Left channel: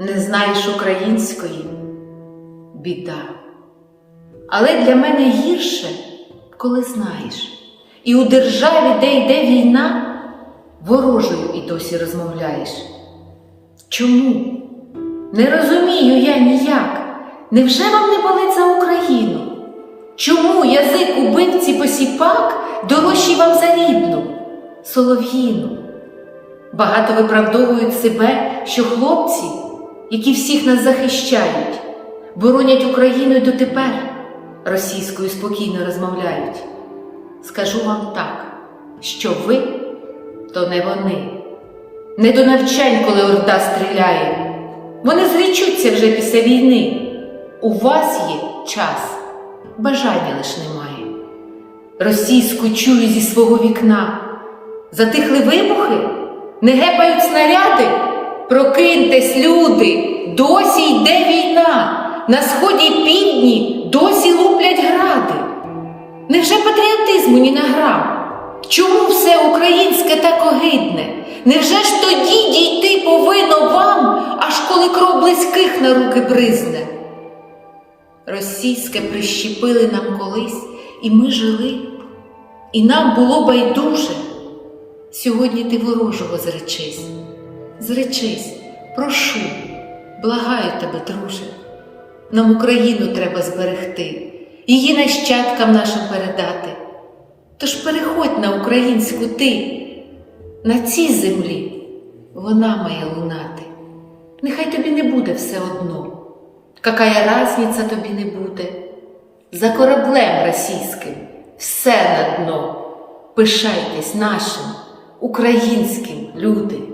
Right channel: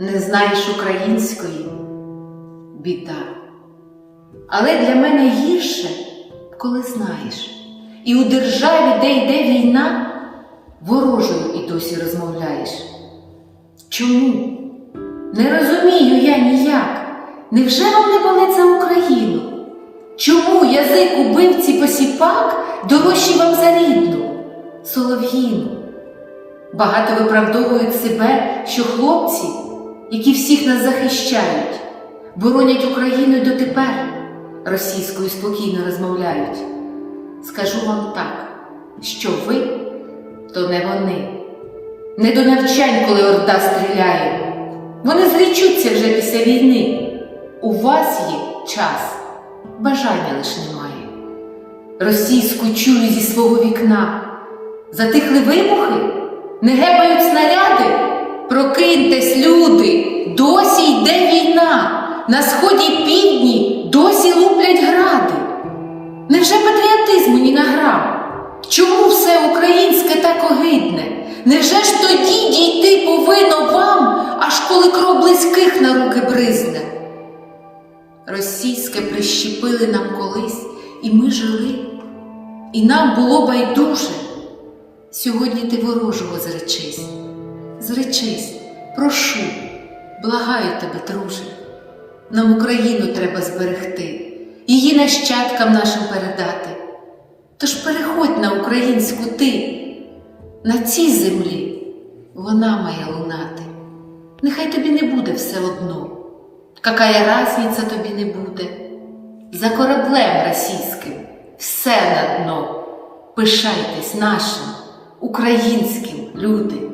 не знаєш української біда. Але для мене гірше, коли знаєш, і у державі, де йде війна, ворожою і досі розмовляєш. Чому? Не розумію я ніяк. Невже вам не болить за Україну? Чому язик убивці посіпак дорожчий вам за рідну, солов'їну? Багато виправдовують себе, що хлопці, які всіх нас захищають, боронять Україну й дотепер російською спокійно розмовляють. Скажу вам так, що ви то не вони. Не до навчань, коли орда стріляє. Вони зрічуться вже після війни. У вас є час, бажання лиш немає. Російську чую зі свого вікна. Затихли вибухи, не гепають снаряди. Прокиньтесь, люди, досі йде війна. На сході півдні досі луплять гради. Невже патріотизму ні на грам? Чому все українське так огидне? Невже ж тоді дійти повинно вам, аж коли кров близьких на руки бризне? Російське прищепили нам колись, і ми жили, і нам було байдуже. Сьогодні ти ворожого зречись, зречись, прошу, благаю тебе, друже. Нам Україну треба зберегти, її нащадкам нашим передати. Тож переходь на українську ти, на цій землі вона має лунати. Нехай тобі не буде все одно, какая разниця тобі не буде. За кораблем російським все на дно. Пишайтесь нашим, українським, люди.